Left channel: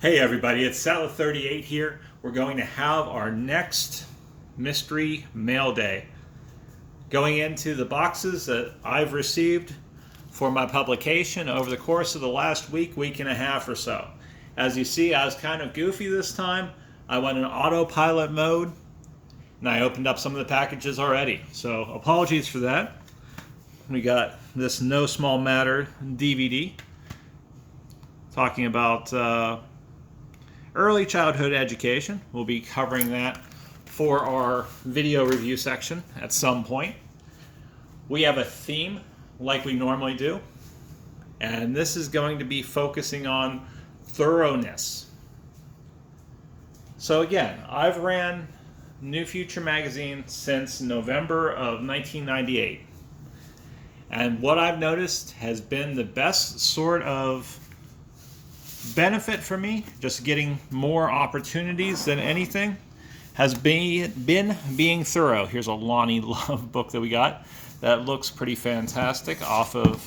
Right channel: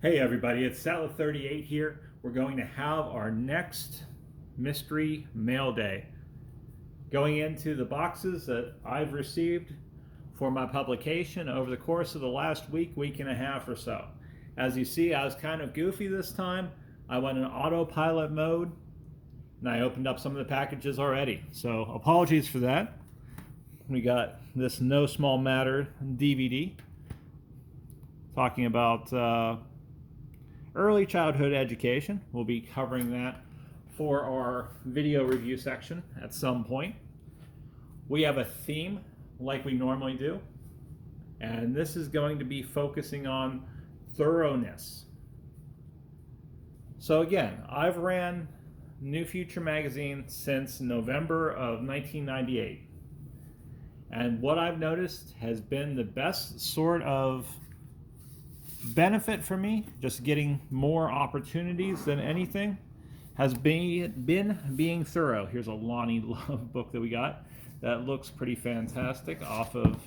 Hey everybody, it's Salad38 here. We're going to have our next mystery mail day. Going into the boxes that I've received for my publication over the course of the last week and a half or so. As you see, I was kind of goofy this time. I went in autopilot mode and I opened up some of the packages already. So apologies for that. We got this No Small Matter DVD talking about early childhood education. We'll be covering that for our video review section at some point. We have a theme like we normally do, and this is going to be focusing on thoroughness. So again, I've ran NeuFutur magazine since November of 1998, and what I've noticed has been the best sort of benefit for me, just getting more opportunities than anything, has been being thorough. Here's a Lonnie Love book that we got that looks pretty fantastic off of,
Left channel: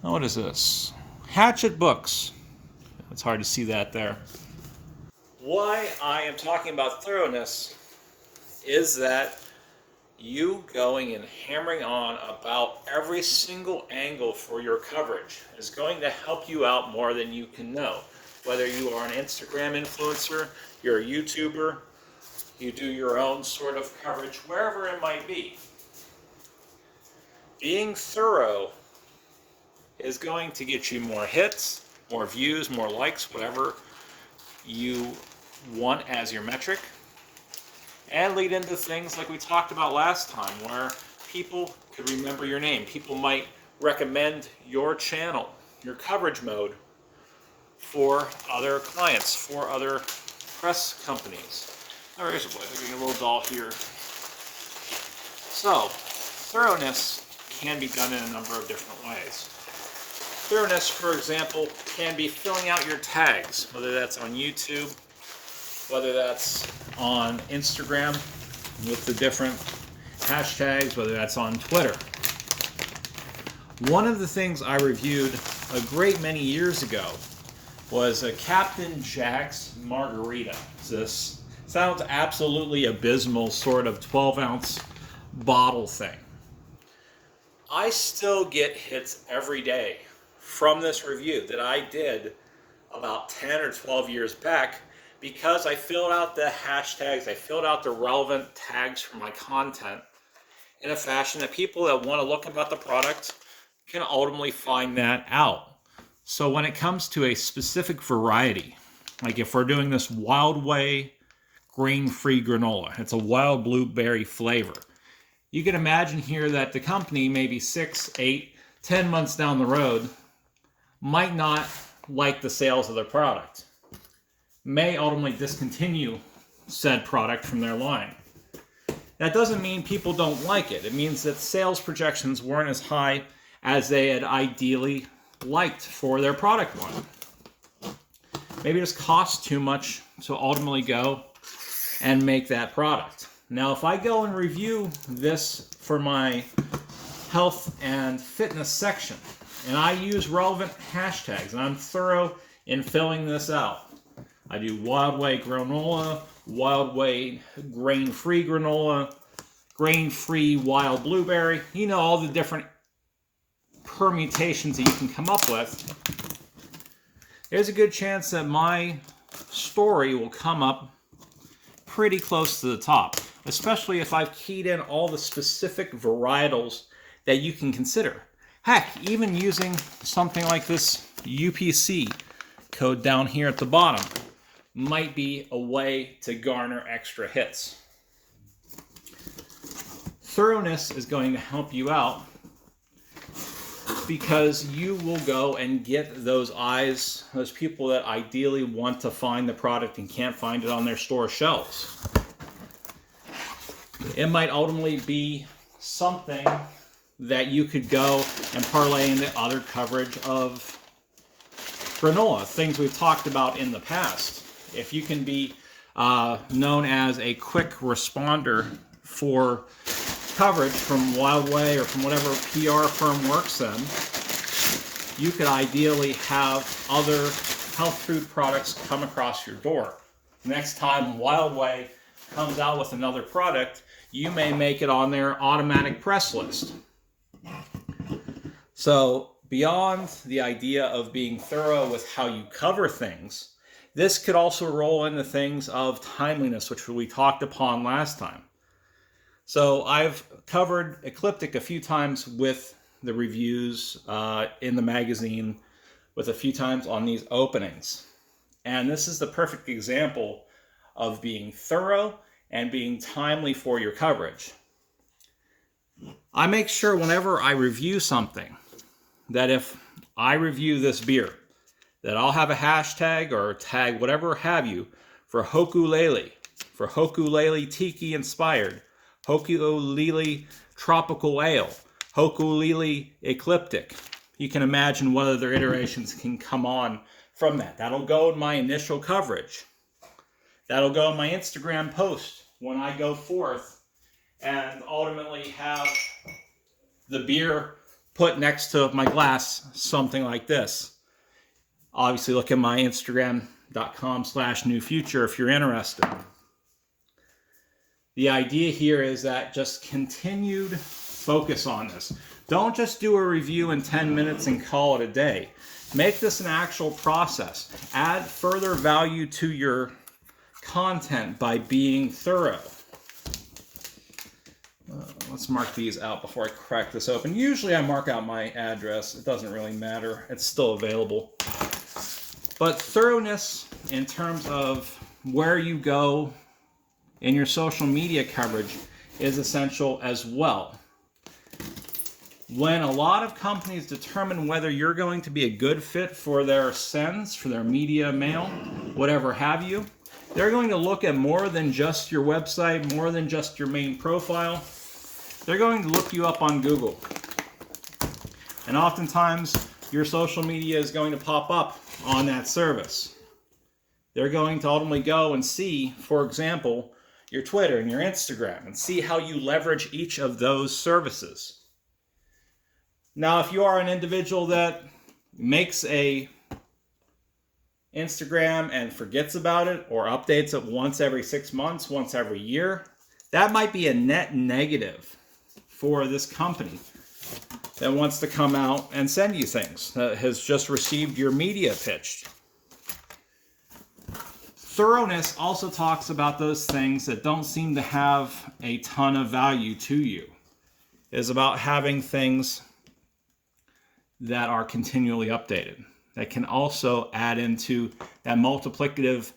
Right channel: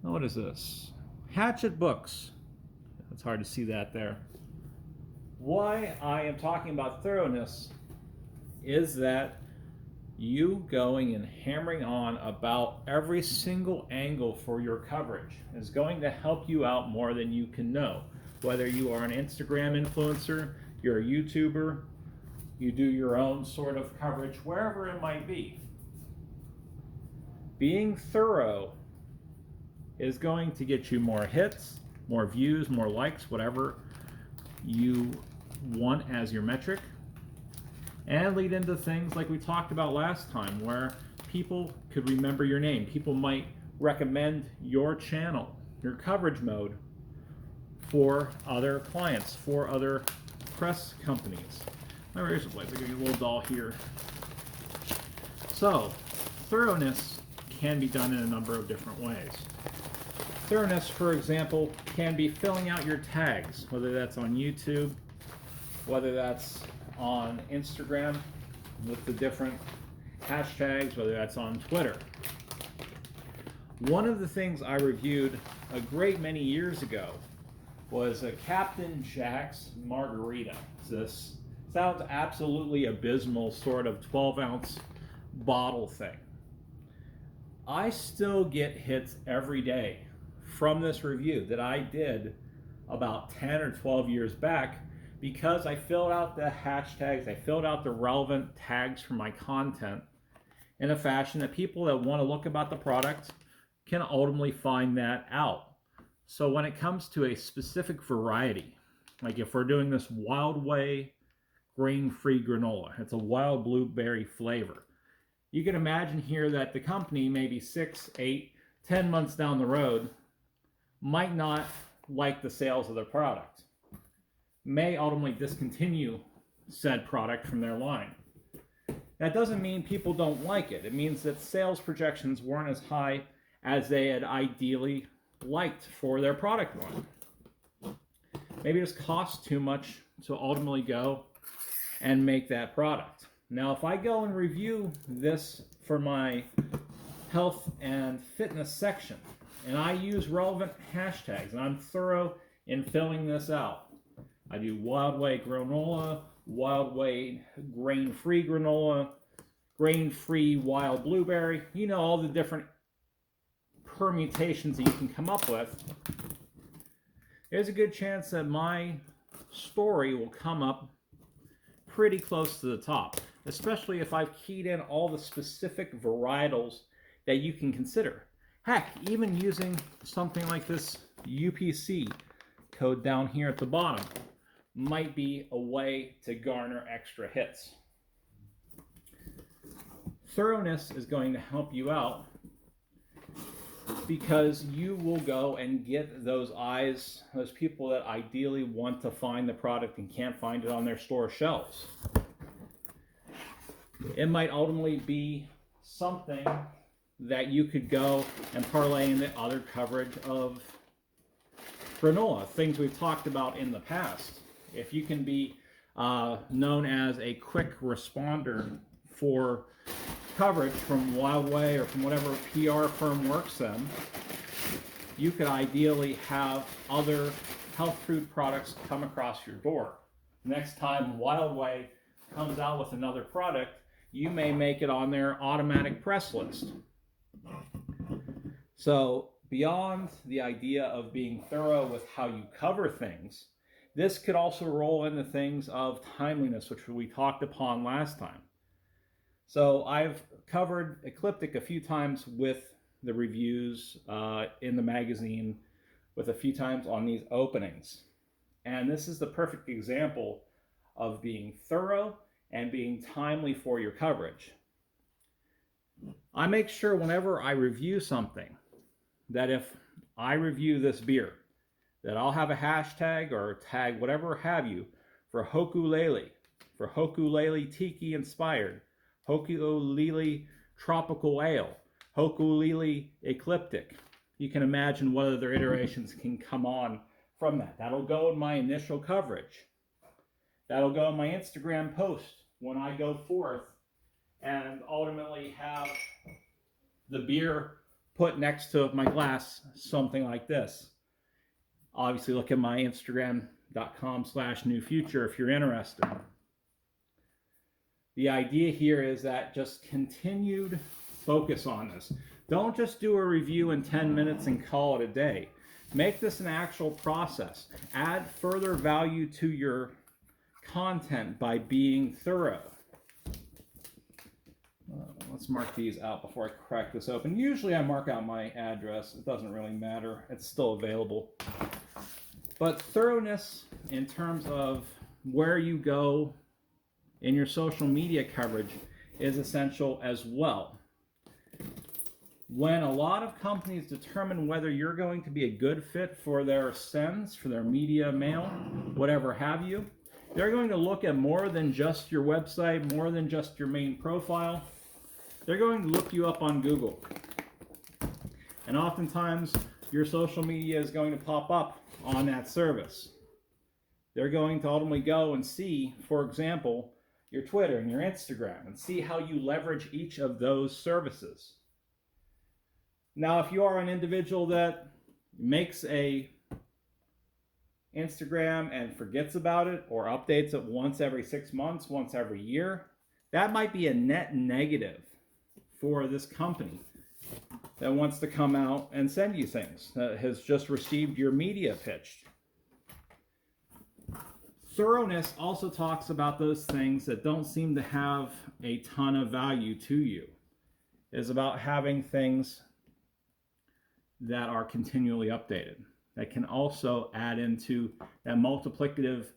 what is this? Hachette books. It's hard to see that there. Why I am talking about thoroughness is that you going and hammering on about every single angle for your coverage is going to help you out more than you can know. Whether you are an Instagram influencer, you're a YouTuber, you do your own sort of coverage, wherever it might be. Being thorough is going to get you more hits, more views, more likes, whatever you want as your metric. And lead into things like we talked about last time, where people could remember your name. People might recommend your channel, your coverage mode, for other clients, for other press companies. There is a little doll here. So, thoroughness can be done in a number of different ways. Thoroughness, for example, can be filling out your tags, whether that's on YouTube, whether that's on Instagram with the different hashtags, whether that's on Twitter. One of the things I reviewed a great many years ago was a Captain Jack's Margarita. This sounds absolutely abysmal sort of 12-ounce bottle thing. I still get hits every day from this review that I did about 10 or 12 years back, because I filled out the hashtags, I filled out the relevant tags for my content in a fashion that people that want to look about the product can ultimately find that out. So when it comes to a specific variety, like if we're doing this Wildway grain-free granola, it's a wild blueberry flavor. You can imagine here that the company, maybe 6, 8, 10 months down the road, might not like the sales of their product, may ultimately discontinue said product from their line. That doesn't mean people don't like it. It means that sales projections weren't as high as they had ideally liked for their product line. Maybe it just costs too much to ultimately go and make that product. Now, if I go and review this for my health and fitness section, and I use relevant hashtags, and I'm thorough in filling this out, I do Wildway granola, Wildway grain-free granola, grain-free wild blueberry. You know, all the different permutations that you can come up with. There's a good chance that my story will come up pretty close to the top, especially if I've keyed in all the specific varietals that you can consider. Heck, even using something like this UPC code down here at the bottom might be a way to garner extra hits. Thoroughness is going to help you out because you will go and get those eyes, those people that ideally want to find the product and can't find it on their store shelves. It might ultimately be something that you could go and parlay into other coverage of granola, things we've talked about in the past. If you can be known as a quick responder for coverage from Wildway or from whatever PR firm works in, you could ideally have other health food products come across your door. Next time Wildway comes out with another product, you may make it on their automatic press list. So beyond the idea of being thorough with how you cover things, this could also roll into things of timeliness, which we talked upon last time. So I've covered Ecliptic a few times with the reviews in the magazine, with a few times on these openings. And this is the perfect example of being thorough and being timely for your coverage. I make sure whenever I review something that if I review this beer, that I'll have a hashtag or tag, whatever have you, for Hokulele Tiki inspired, Hokulele Tropical Ale, Hokulele Ecliptic. You can imagine what other iterations can come on from that. That'll go in my initial coverage. That'll go in my Instagram post when I go forth and ultimately have the beer put next to my glass, something like this. Obviously, look at my Instagram.com/NeuFutur if you're interested. The idea here is that just continued focus on this. Don't just do a review in 10 minutes and call it a day. Make this an actual process. Add further value to your content by being thorough. Let's mark these out before I crack this open. Usually I mark out my address. It doesn't really matter. It's still available. But thoroughness in terms of where you go in your social media coverage is essential as well. When a lot of companies determine whether you're going to be a good fit for their sends, for their media mail, whatever have you, they're going to look at more than just your website, more than just your main profile. They're going to look you up on Google. And oftentimes, your social media is going to pop up on that service. They're going to ultimately go and see, for example, your Twitter and your Instagram and see how you leverage each of those services. Now, if you are an individual that makes a Instagram and forgets about it or updates it once every 6 months, once every year, that might be a net negative for this company that wants to come out and send you things, that has just received your media pitched. Thoroughness also talks about those things that don't seem to have a ton of value to you. It's about having things that are continually updated, that can also add into that multiplicative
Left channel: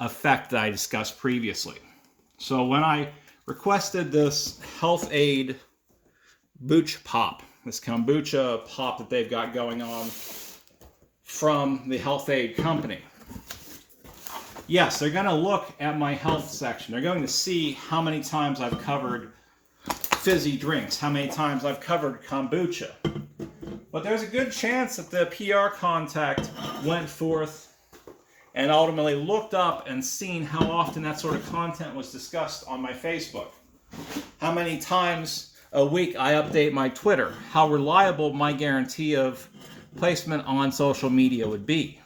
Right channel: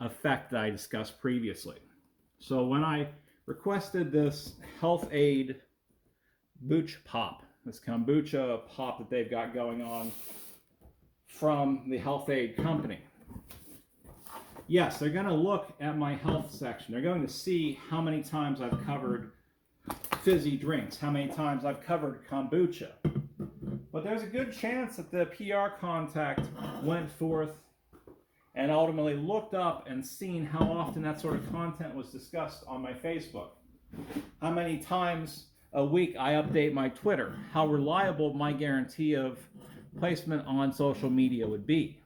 effect that I discussed previously. So when I requested this Health Aid Booch Pop, this kombucha pop that they've got going on from the Health Aid company, yes, they're going to look at my health section. They're going to see how many times I've covered fizzy drinks, how many times I've covered kombucha. But there's a good chance that the PR contact went forth and ultimately looked up and seen how often that sort of content was discussed on my Facebook. How many times a week I update my Twitter. How reliable my guarantee of placement on social media would be.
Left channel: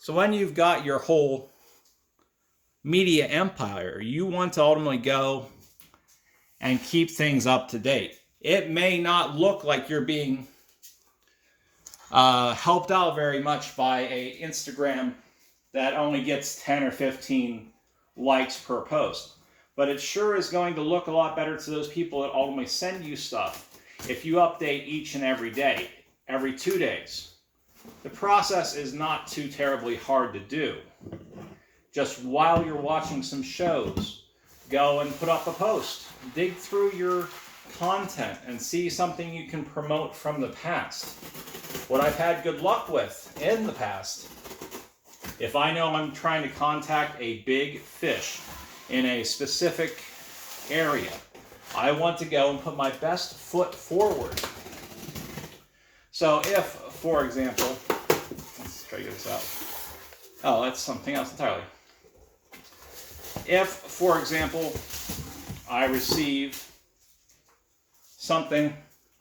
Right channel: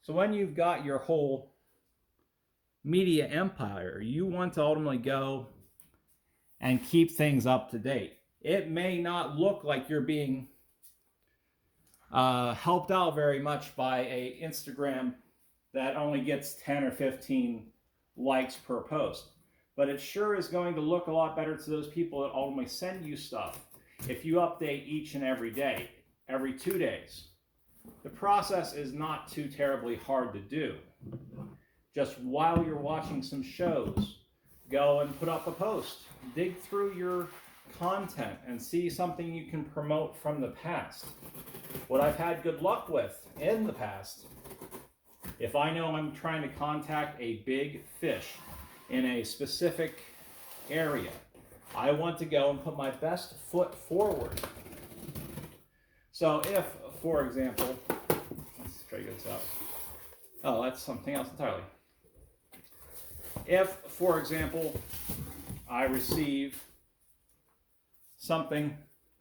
So when you've got your whole media empire, you want to ultimately go and keep things up to date. It may not look like you're being helped out very much by a Instagram that only gets 10 or 15 likes per post. But it sure is going to look a lot better to those people that ultimately send you stuff if you update each and every day, every 2 days. The process is not too terribly hard to do. Just while you're watching some shows, go and put up a post. Dig through your content and see something you can promote from the past. What I've had good luck with in the past, if I know I'm trying to contact a big fish in a specific area, I want to go and put my best foot forward. So if, for example, let's try to get this out. Oh, that's something else entirely. If, for example, I receive something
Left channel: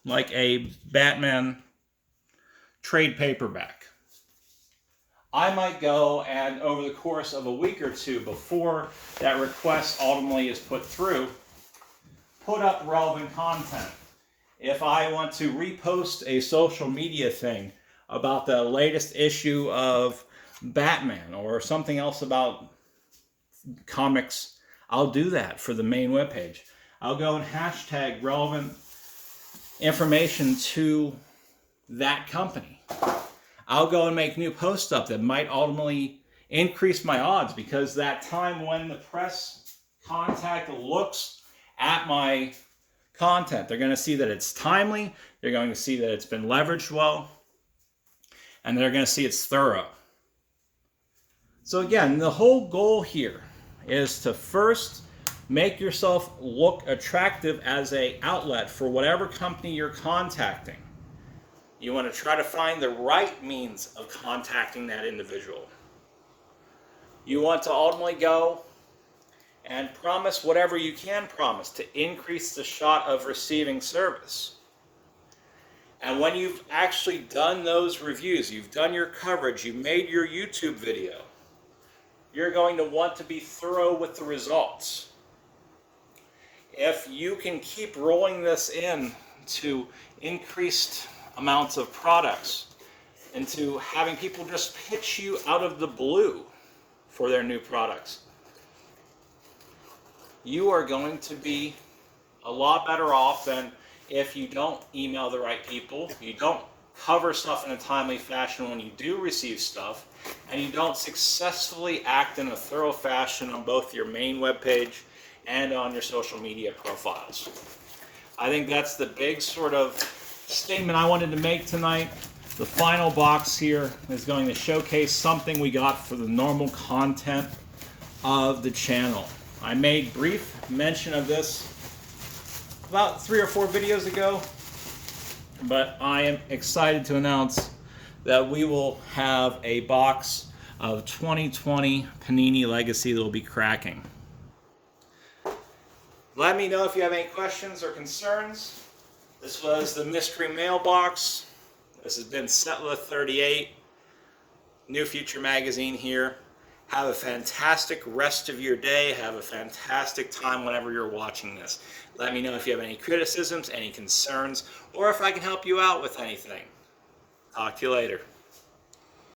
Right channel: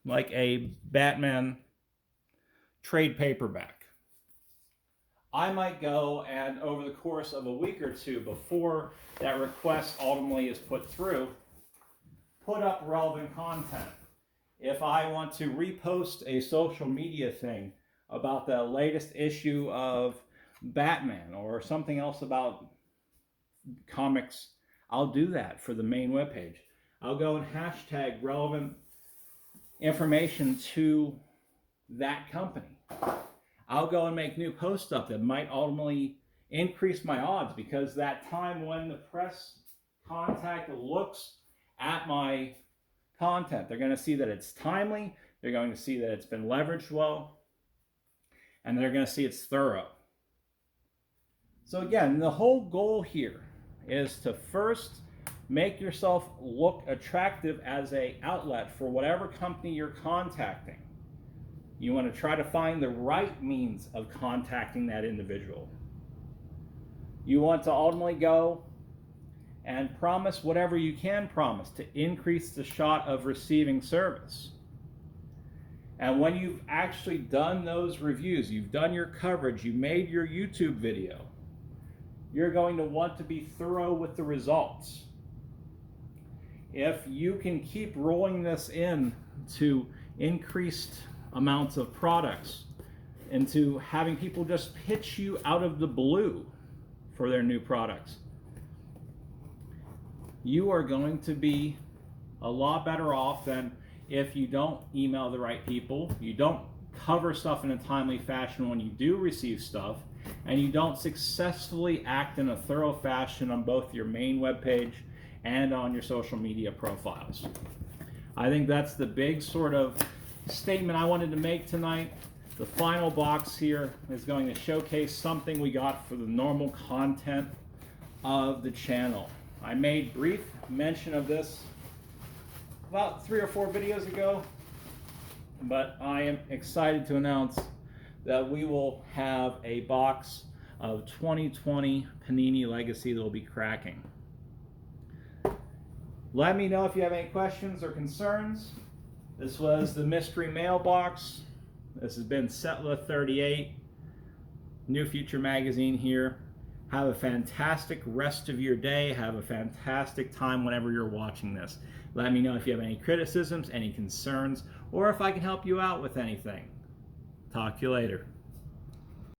like a Batman trade paperback, I might go and over the course of a week or two before that request ultimately is put through, put up relevant content. If I want to repost a social media thing about the latest issue of Batman or something else about comics, I'll do that for the main webpage. I'll go and hashtag relevant information to that company. I'll go and make new posts up that might ultimately increase my odds, because that time when the press contact looks at my content, they're going to see that it's timely, they're going to see that it's been leveraged well, and they're going to see it's thorough. So again, the whole goal here is to first make yourself look attractive as an outlet for whatever company you're contacting. You want to try to find the right means of contacting that individual. You want to ultimately go and promise whatever you can promise to increase the shot of receiving service. And when you've actually done those reviews, you've done your coverage, you made your YouTube video, you're going to want to be thorough with the results. If you can keep rolling this in to increased amounts of products, into having people just pitch you out of the blue for their new products, you are going to be a lot better off than if you don't email the right people, you don't cover stuff in a timely fashion when you do receive stuff, and you don't successfully act in a thorough fashion on both your main webpage and on your social media profiles. I think that's the big sort of statement I wanted to make tonight. The final box here is going to showcase something we got for the normal content of the channel. I made brief mention of this about 3 or 4 videos ago, but I am excited to announce that we will have a box of 2020 Panini Legacy that will be cracking. Let me know if you have any questions or concerns. This was the mystery mailbox. This has been Settler 38, NeuFutur magazine here. Have a fantastic rest of your day. Have a fantastic time whenever you're watching this. Let me know if you have any criticisms, any concerns, or if I can help you out with anything. Talk to you later.